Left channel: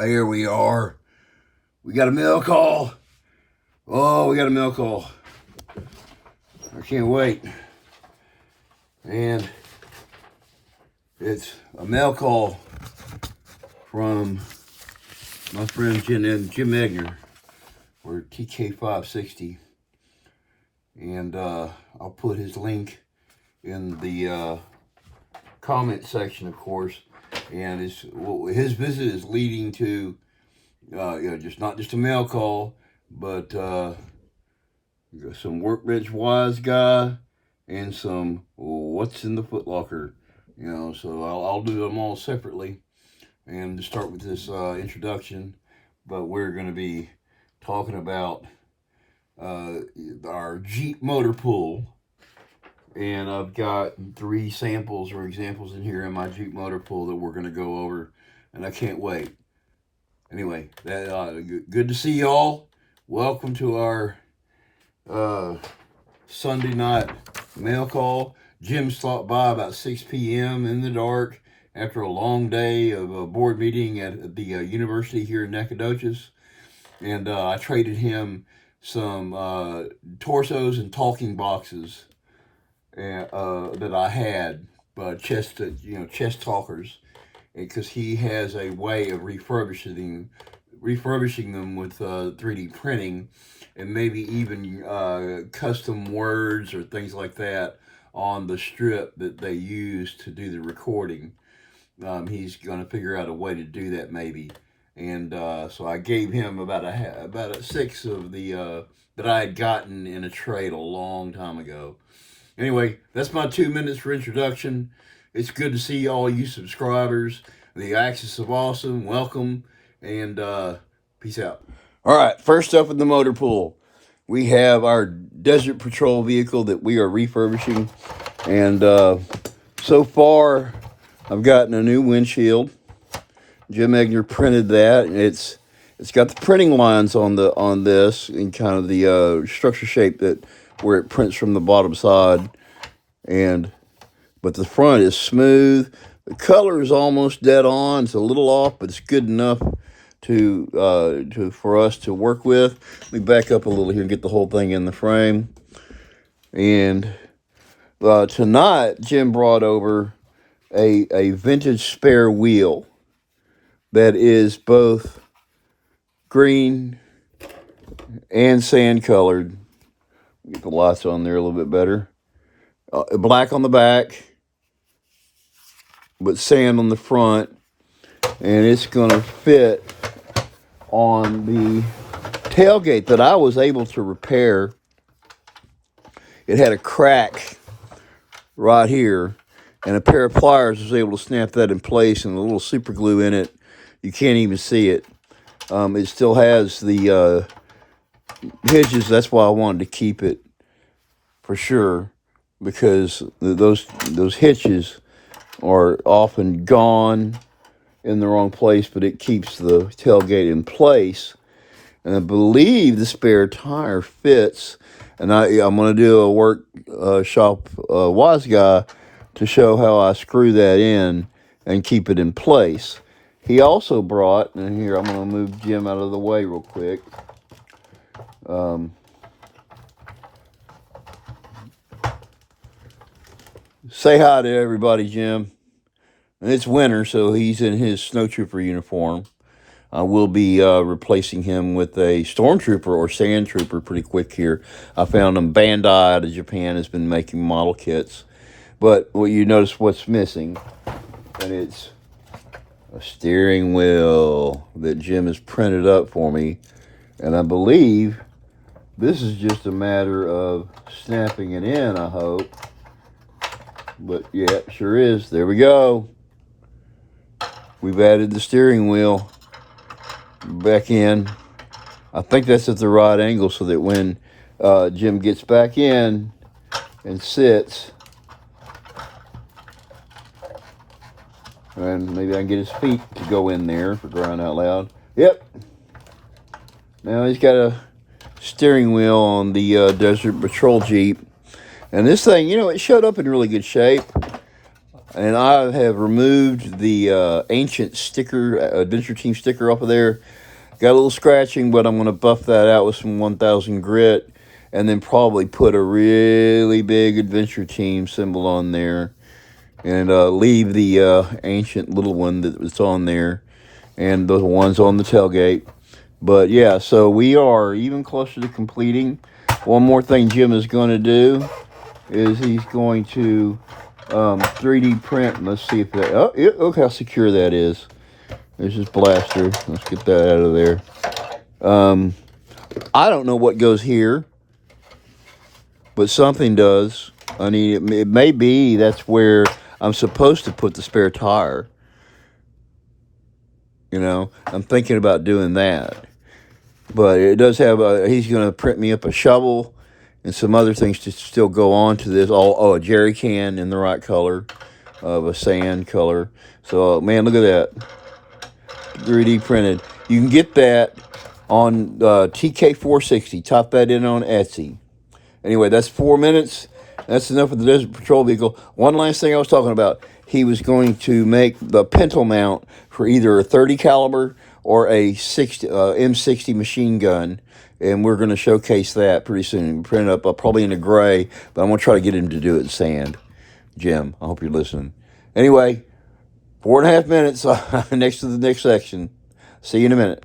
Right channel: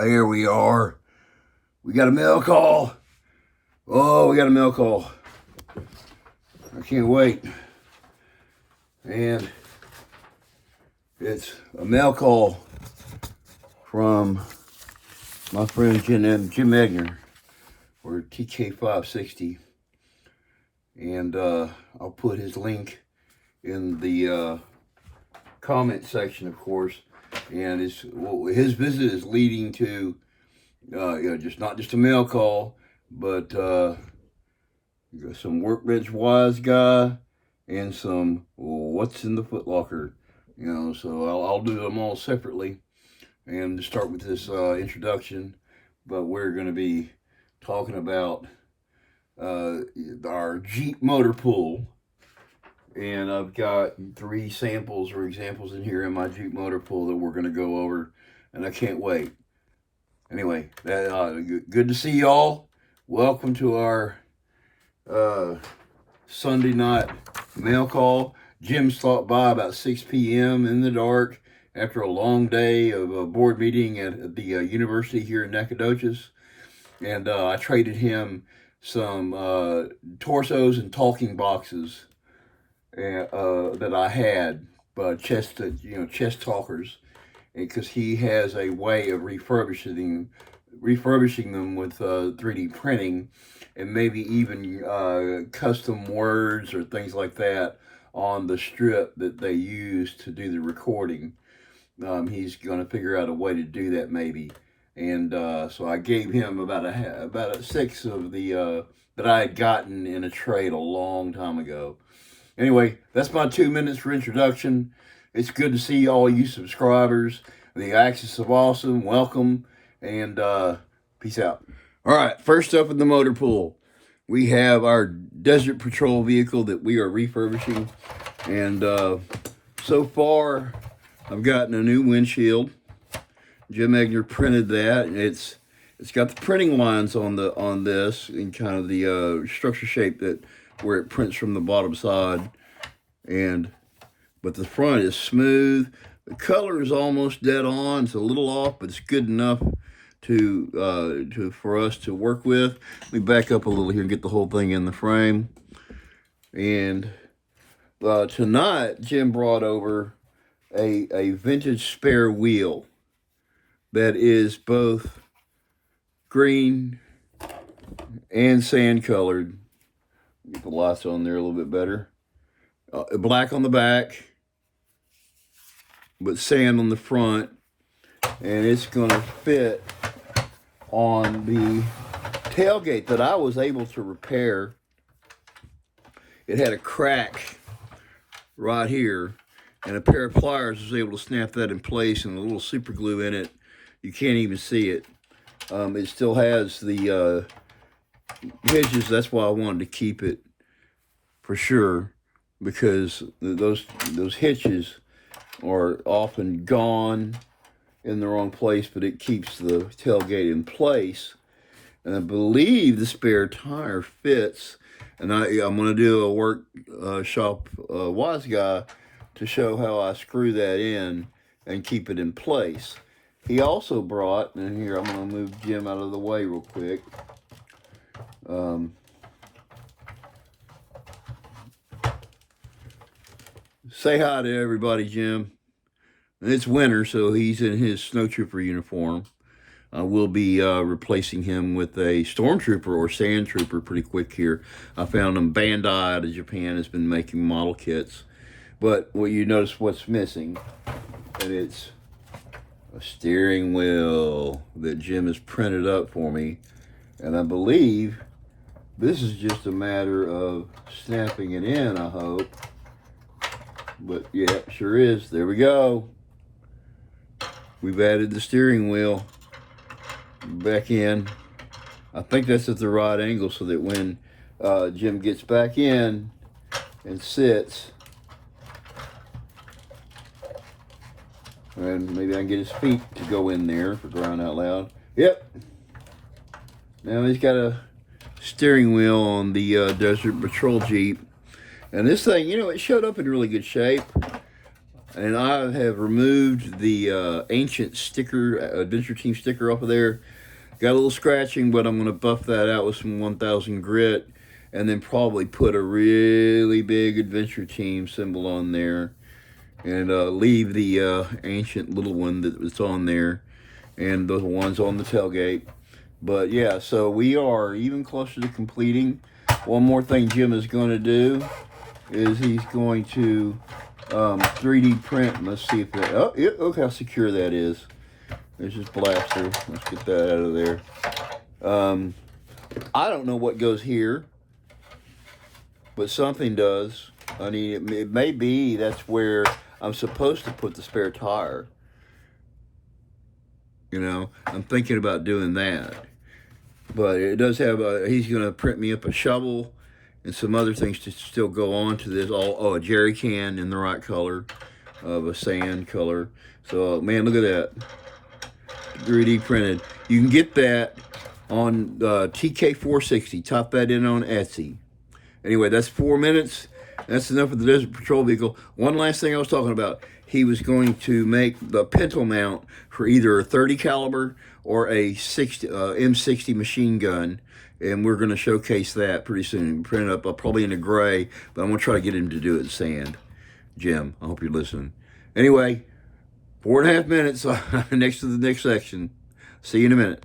Here we are. We got a mail call. Oh, we got a mail call. I can't wait. And it's a mail call from my friend Jim EGNER, or TK560. And I'll put his link in the comment section, of course. And his visit is leading to, just not just a mail call, but some workbench wise guy and some what's in the footlocker. So I'll do them all separately, and to start with this introduction. But we're going to be talking about our Jeep motor pool. And I've got 3 samples or examples in here in my Jeep motor pool that we're going to go over, and I can't wait. Anyway, good to see y'all. Welcome to our Sunday night mail call. Jim stopped by about 6 p.m. in the dark after a long day of a board meeting at the university here in Nacogdoches, and I traded him some torsos and talking boxes that I had, chest talkers, because he has a way of refurbishing them with 3D printing, and maybe even custom words or things like that on the strip that they use to do the recording. He's going to figure out a way to do that maybe, and so I gave him about a 6 of the that I had gotten in a trade a long time ago. Anyway, that's my 2 minutes for introduction. It's good to see all you subscribers. The Axis of Awesome, welcome, and peace out. All right, first up in the motor pool, we have our Desert Patrol vehicle that we are refurbishing. And so far, I've gotten a new windshield. Jim EGNER printed that. It's got the printing lines on this in kind of the structure shape that where it prints from the bottom side, but the front is smooth. The color is almost dead on. It's a little off, but it's good enough for us to work with. Let me back up a little here and get the whole thing in the frame. And tonight, Jim brought over a vintage spare wheel that is both green and sand colored. Get the lights on there a little bit better. Black on the back, but sand on the front, and it's going to fit on the tailgate that I was able to repair. It had a crack right here, and a pair of pliers was able to snap that in place, and a little super glue in it. You can't even see it. It still has the hinges. That's why I wanted to keep it for sure, because those hitches are often gone in the wrong place, but it keeps the tailgate in place. And I believe the spare tire fits, and I'm going to do a workshop wise guy to show how I screw that in and keep it in place. He also brought, and here I'm going to move Jim out of the way real quick. Say hi to everybody, Jim. And it's winter, so he's in his snowtrooper uniform. I will be replacing him with a stormtrooper or sand trooper pretty quick here. I found him. Bandai out of Japan has been making model kits. But you notice what's missing, and it's a steering wheel that Jim has printed up for me. And I believe this is just a matter of snapping it in, I hope. But yeah, it sure is. There we go. We've added the steering wheel back in. I think that's at the right angle so that when Jim gets back in and sits, and maybe I can get his feet to go in there, for crying out loud. Yep. Now he's got a steering wheel on the Desert Patrol Jeep. And this thing, it showed up in really good shape. And I have removed the ancient sticker, Adventure Team sticker off of there. Got a little scratching, but I'm going to buff that out with some 1000 grit. And then probably put a really big Adventure Team symbol on there. And leave the ancient little one that was on there. And the ones on the tailgate. But yeah, so we are even closer to completing. One more thing Jim is going to do is he's going to 3D print. Let's see if that. Oh, yeah, look how secure that is. There's this blaster. Let's get that out of there. I don't know what goes here, but something does. I mean, it may be that's where I'm supposed to put the spare tire. You know, I'm thinking about doing that. But it does have he's going to print me up a shovel and some other things to still go on to this. A jerry can in the right color, of a sand color. So, man, look at that. 3D printed. You can get that on TK560. Type that in on Etsy. Anyway, that's 4 minutes. That's enough of the Desert Patrol vehicle. One last thing I was talking about. He was going to make the pintle mount for either a 30 caliber or a M60 machine gun, and we're going to showcase that pretty soon. Print it up probably in a gray, but I'm going to try to get him to do it in sand. Jim, I hope you're listening. Anyway, 4.5 minutes next to the next section. See you in a minute.